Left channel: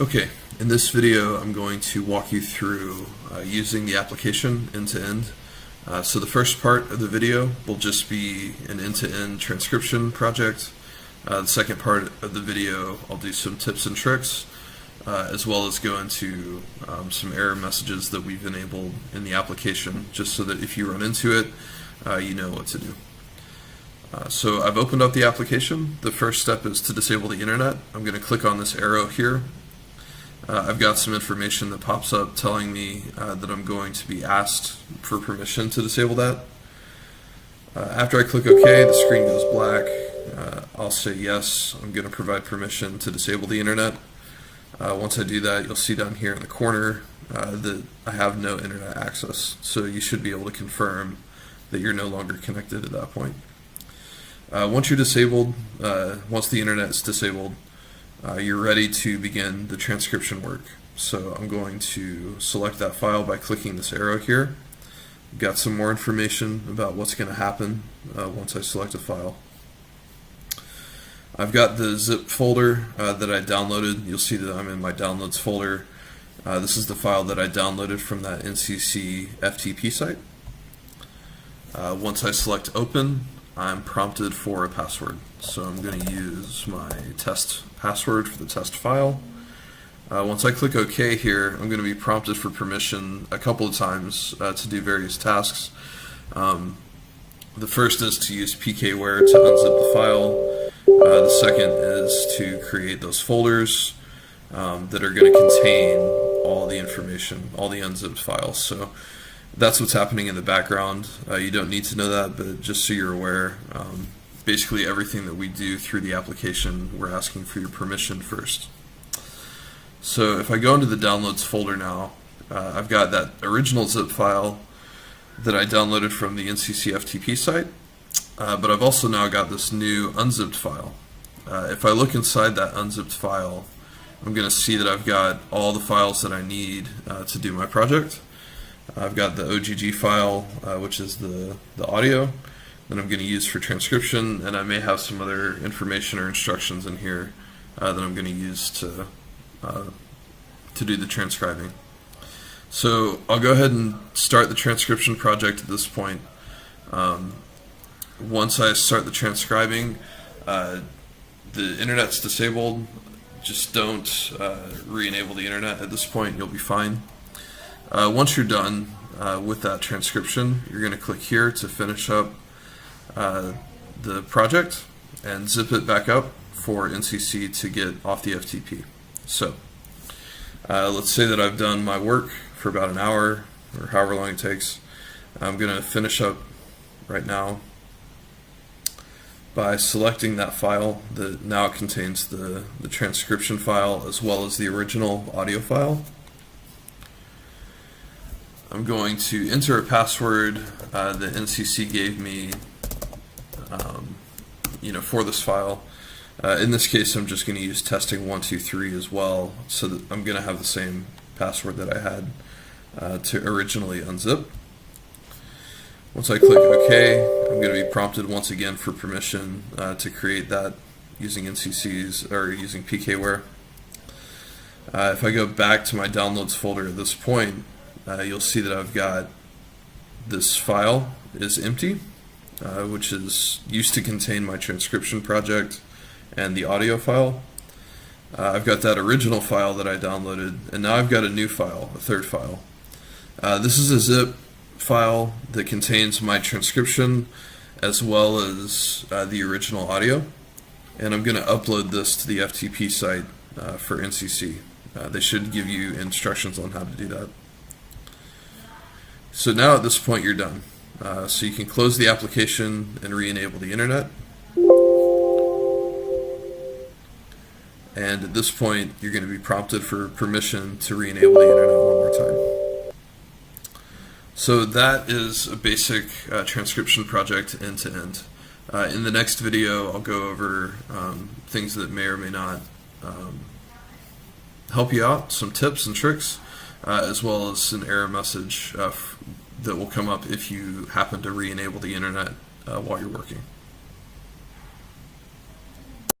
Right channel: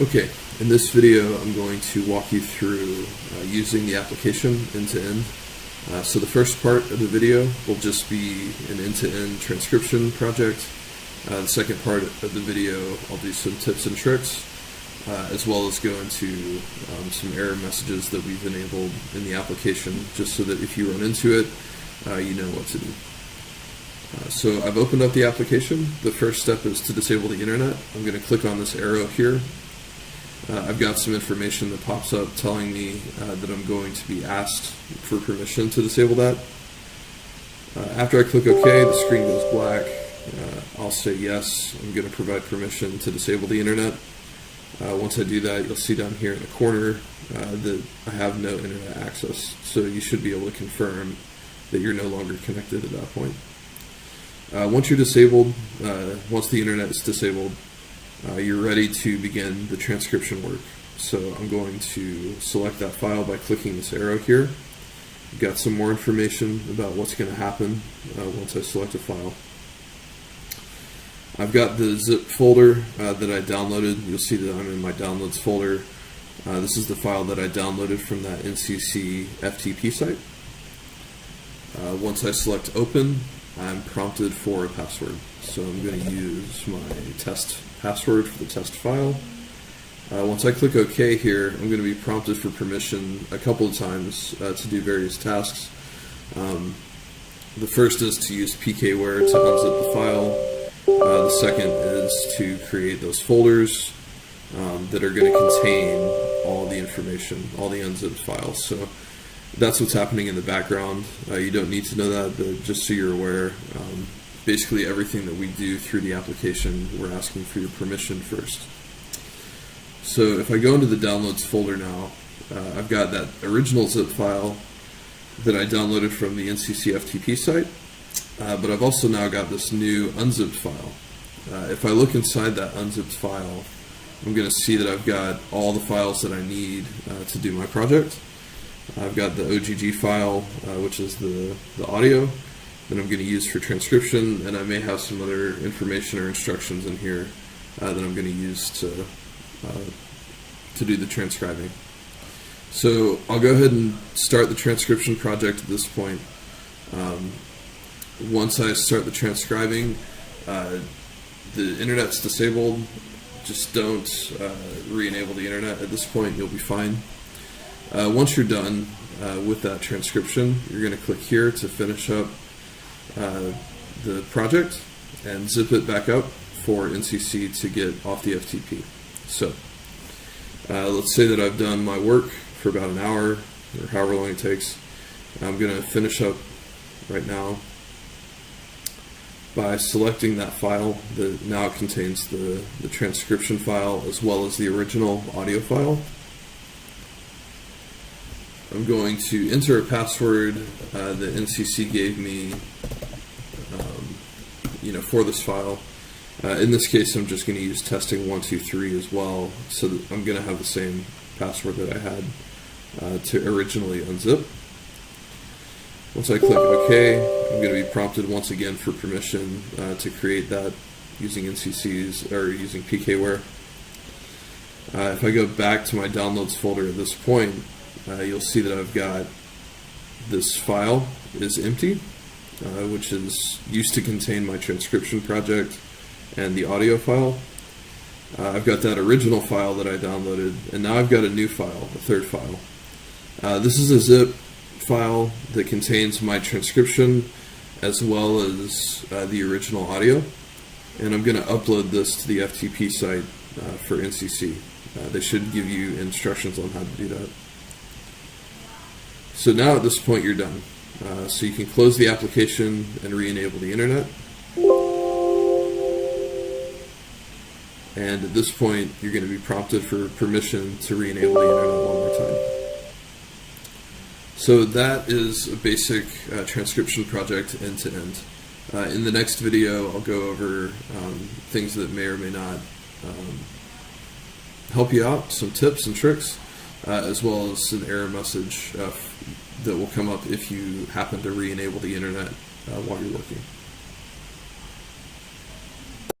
Okay, in this video I'm going to walk you through using the application end-to-end. So the first part of the video will just be an end-to-end transcription project. The second part of the video I'll do some tips and tricks, as well as go into some error messages that we've enabled in the application, just so that if you run into it, you know what to do. So I've opened up the application. The first step is to disable the internet. I'm going to click on this arrow here. I've got some information that pops up telling me that I'm going to be asked for permission to disable that. After I click OK, the screen goes black. I'll say yes, I'm going to provide permission to disable the internet. Once I do that, you'll see down here in the corner that I have no internet access. So you should be able to confirm that you're no longer connected at that point. Once you're disabled, once the internet is disabled, you're ready to begin the transcription work. So I'm going to select that file by clicking this arrow here. I've got some more information about what's going to happen once I select a file. I've got the zip folder that I downloaded. You'll see that I'm in my downloads folder. This is the file that I downloaded from that NCC FTP site. Once I select open, I'm prompted for a password. So I'm going to use my test password for the test file. Once I click OK here, I'm going to be prompted for permission a couple of times to do various tasks. The first is to use pkware to unzip the file. The second is to create those folders that are going to contain all the information, all the unzipped files. So that's what's happening in the background. You don't need to know that, but just so you're aware, basically everything that we do through the application, we're asking for your permission first. So if I go into the downloads folder now, I've got that original zip file that I downloaded from the NCC FTP site, but I've also now got this new unzipped file. If I look inside that unzipped file, I'm going to see that I've got all the files that I need to do my project. I've got the OGG file, which is the audio that I'm going to use for transcription, and I may have some other information or instructions in here that I'm going to use to do the transcribing. So I'll go ahead and start the transcription project at this point. Once I start the transcribing, the internet's disabled. Just don't re-enable the internet at this point. You'll be fine. Once you're done with that transcription, you're going to click here to finish up the project and zip it back up for NCC to get off the FTP. So let's say that I've done my work for about an hour or however long it takes. I'm going to finish up right now by selecting that file that now contains the transcription file as well as the original audio file. I'm going to enter a password that NCC gave me for this file. In this case, I'm just going to use testing123 as well, so that I'm going to have the same password that I had to originally unzip. Once I click OK, I'm going to be prompted once again for permission to create that using NCC's or using pkware. If I go back to my downloads folder at this point, you'll see that I've got this file is empty, which is used to contain my transcription project and the audio file. I've got that original file that I downloaded, and now I've got a new file, a third file. This is a zip file that contains my transcription as well as the original audio, and I'm going to upload this to the FTP site for NCC. They should give you instructions on how to do that. So now at this point you're done. So you can close the application and re-enable the internet. And at this point you're going to be prompted for permission to re-enable the internet one more time. So that is a basic transcription project end to end. In the next video I'll go over things that may or may not help you out, some tips and tricks, as well as an error message that will come up if you happen to re-enable the internet while you're working.